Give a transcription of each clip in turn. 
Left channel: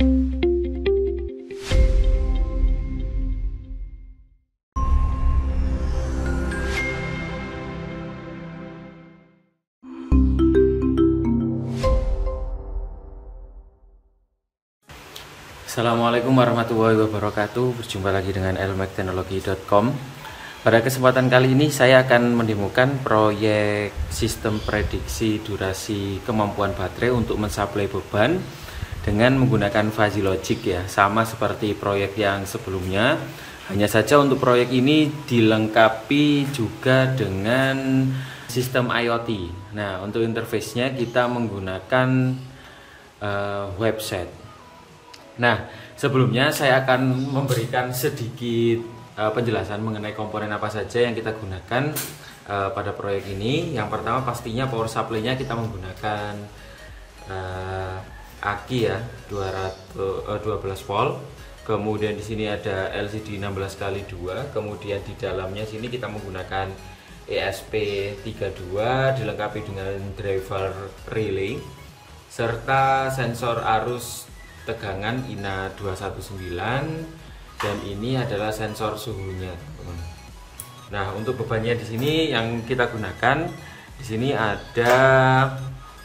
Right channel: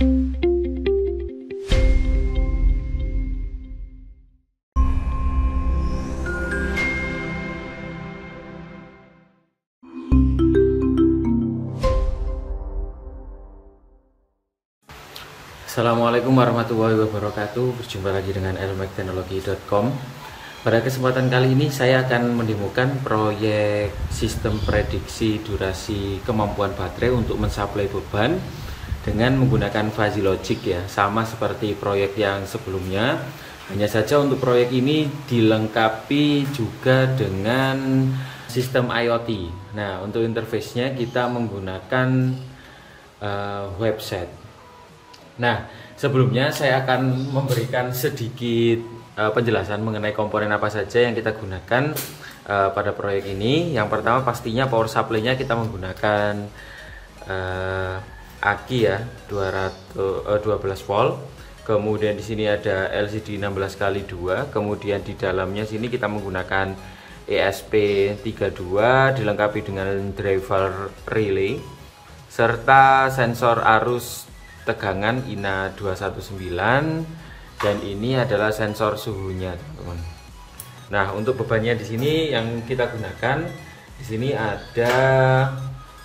Assalamualaikum warahmatullahi wabarakatuh. Berjumpa lagi dengan elmekteknologi.com. Pada kesempatan kali ini saya akan mendemokan proyek sistem prediksi durasi kemampuan baterai untuk mensuplai beban dengan menggunakan fuzzy logic ya, sama seperti proyek yang sebelumnya. Hanya saja untuk proyek ini dilengkapi juga dengan sistem IoT. Nah, untuk interface-nya kita menggunakan website. Nah, sebelumnya saya akan memberikan sedikit penjelasan mengenai komponen apa saja yang kita gunakan pada proyek ini. Yang pertama pastinya power supply-nya kita menggunakan aki ya, 12 volt. Kemudian di sini ada LCD 16x2. Kemudian di dalamnya sini kita menggunakan ESP32 dilengkapi dengan driver relay serta sensor arus tegangan INA 219, dan ini adalah sensor suhunya, teman-teman. Nah, untuk bebannya di sini yang kita gunakan di sini ada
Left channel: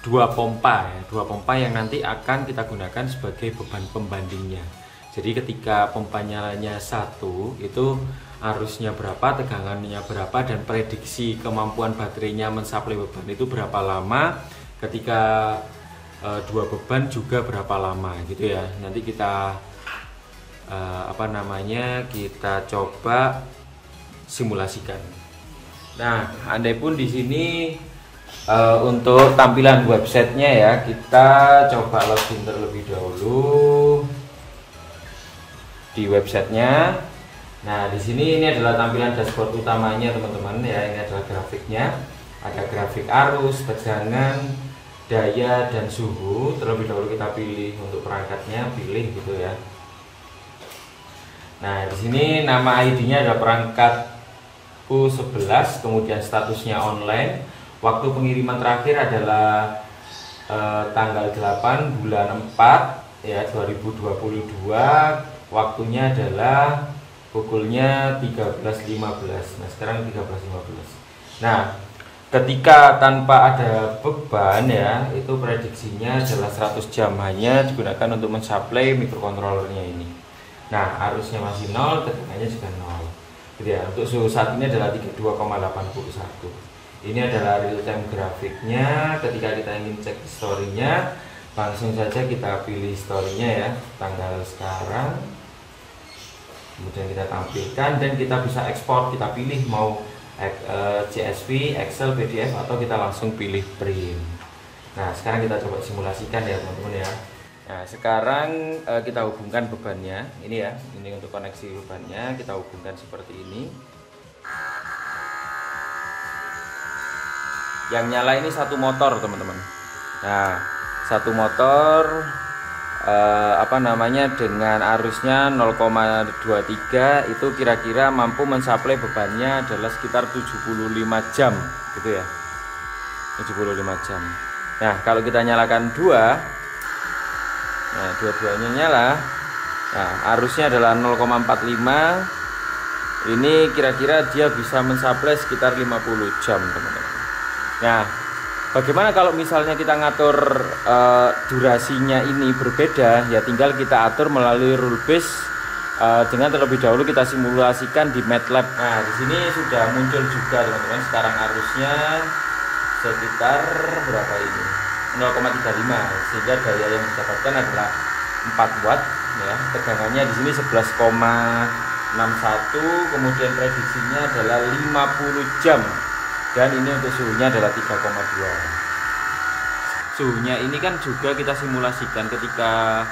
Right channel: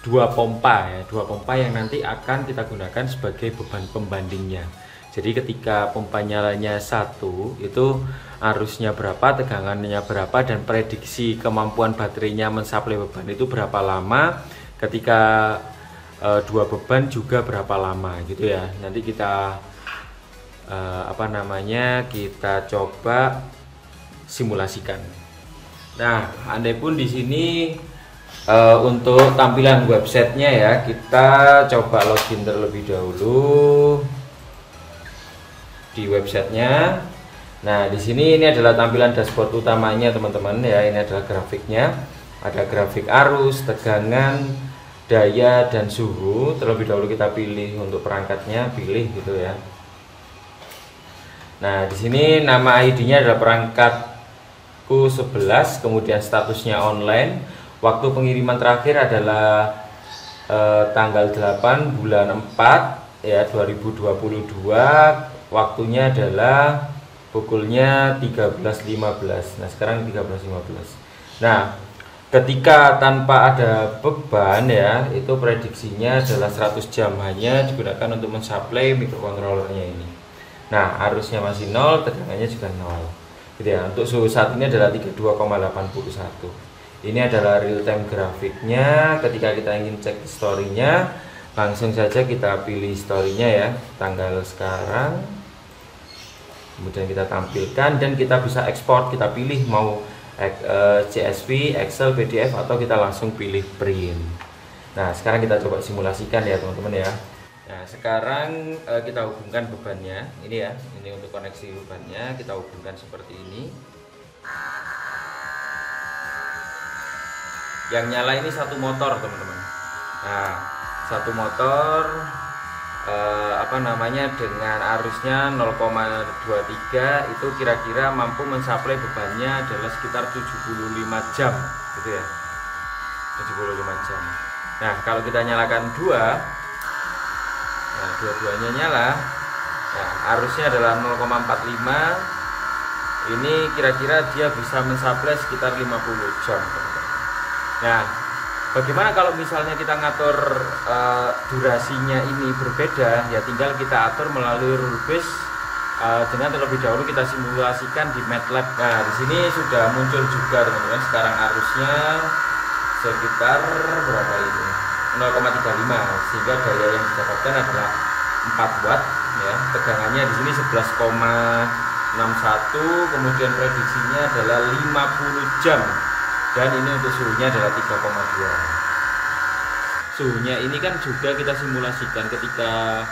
dua pompa ya, dua pompa yang nanti akan kita gunakan sebagai beban pembandingnya. Jadi ketika pompa nyalanya satu, itu arusnya berapa, tegangannya berapa, dan prediksi kemampuan baterainya mensuplai beban itu berapa lama. Ketika dua beban juga berapa lama gitu ya. Nanti kita kita coba simulasikan. Nah, andai pun di sini untuk tampilan websitenya ya, kita coba login terlebih dahulu di websitenya. Nah, di sini ini adalah tampilan dashboard utamanya teman-teman ya. Ini adalah grafiknya, ada grafik arus, tegangan, daya, dan suhu. Terlebih dahulu kita pilih untuk perangkatnya, pilih gitu ya. Nah, di sini nama ID-nya adalah perangkatku 11, kemudian statusnya online. Waktu pengiriman terakhir adalah tanggal 8 bulan 4 ya 2022. Waktunya adalah pukulnya 13.15. Nah, sekarang 13.15. Nah, ketika tanpa ada beban ya, itu prediksinya adalah 100 jam hanya digunakan untuk mensuplai microcontrollernya ini. Nah, arusnya masih 0, tegangannya juga 0. Gitu ya. Untuk suhu saat ini adalah 32,81. Ini adalah real time grafiknya. Ketika kita ingin cek historinya, langsung saja kita pilih historinya ya, tanggal sekarang. Kemudian kita tampilkan dan kita bisa ekspor, kita pilih mau CSV, Excel, PDF, atau kita langsung pilih print. Nah, sekarang kita coba simulasikan ya teman-teman ya. Nah, sekarang kita hubungkan bebannya. Ini ya, ini untuk koneksi bebannya, kita hubungkan seperti ini. Yang nyala ini satu motor teman-teman. Nah, satu motor dengan arusnya 0,23 itu kira-kira mampu mensuplai bebannya adalah sekitar 75 jam gitu ya, 75 jam. Nah, kalau kita nyalakan dua-duanya nyala, nah arusnya adalah 0,45, ini kira-kira dia bisa mensuplai sekitar 50 jam teman-teman. Nah, bagaimana kalau misalnya kita ngatur durasinya ini berbeda, ya tinggal kita atur melalui rule base dengan terlebih dahulu kita simulasikan di MATLAB. Nah, di sini sudah muncul juga teman-teman. Sekarang arusnya sekitar berapa ini? 0,35, sehingga daya yang didapatkan adalah 4 watt ya. Tegangannya di sini 11,61, kemudian prediksinya adalah 50 jam. Dan ini untuk suhunya adalah 3,2. Suhunya ini kan juga kita simulasikan ketika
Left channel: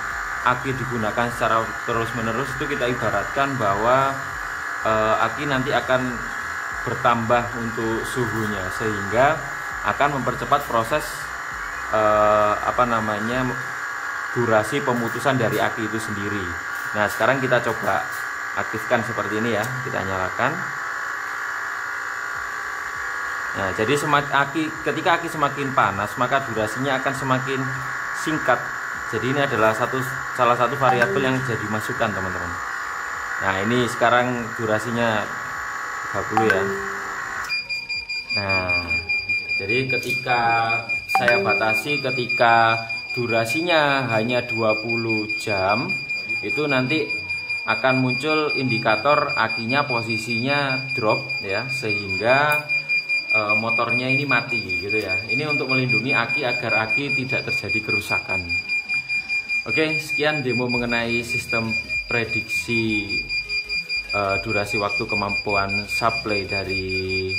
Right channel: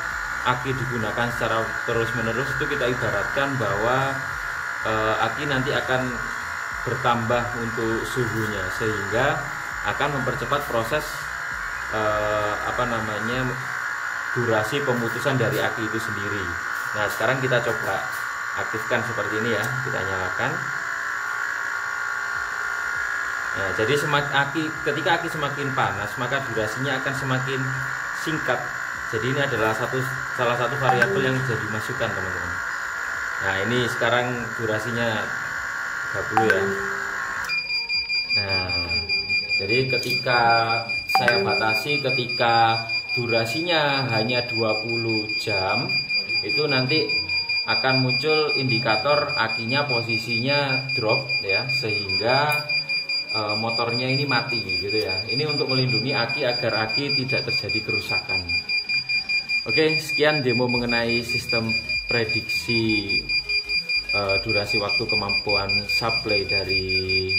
aki digunakan secara terus-menerus, itu kita ibaratkan bahwa aki nanti akan bertambah untuk suhunya, sehingga akan mempercepat proses durasi pemutusan dari aki itu sendiri. Nah, sekarang kita coba aktifkan seperti ini ya, kita nyalakan. Nah, jadi ketika aki semakin panas, maka durasinya akan semakin singkat. Jadi ini adalah salah satu variabel yang jadi masukan teman-teman. Nah ini sekarang durasinya 30 ya. Nah jadi ketika saya batasi, ketika durasinya hanya 20 jam, itu nanti akan muncul indikator akinya posisinya drop ya, sehingga motornya ini mati gitu ya. Ini untuk melindungi aki agar aki tidak terjadi kerusakan. Oke, sekian demo mengenai sistem prediksi durasi waktu kemampuan supply dari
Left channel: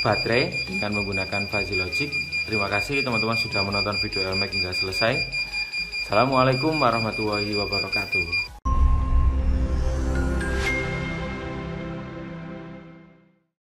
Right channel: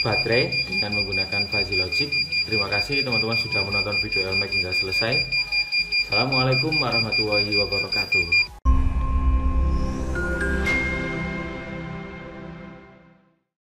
baterai dengan menggunakan Fuzzy Logic. Terima kasih teman-teman sudah menonton video LMAX hingga selesai. Assalamualaikum warahmatullahi wabarakatuh.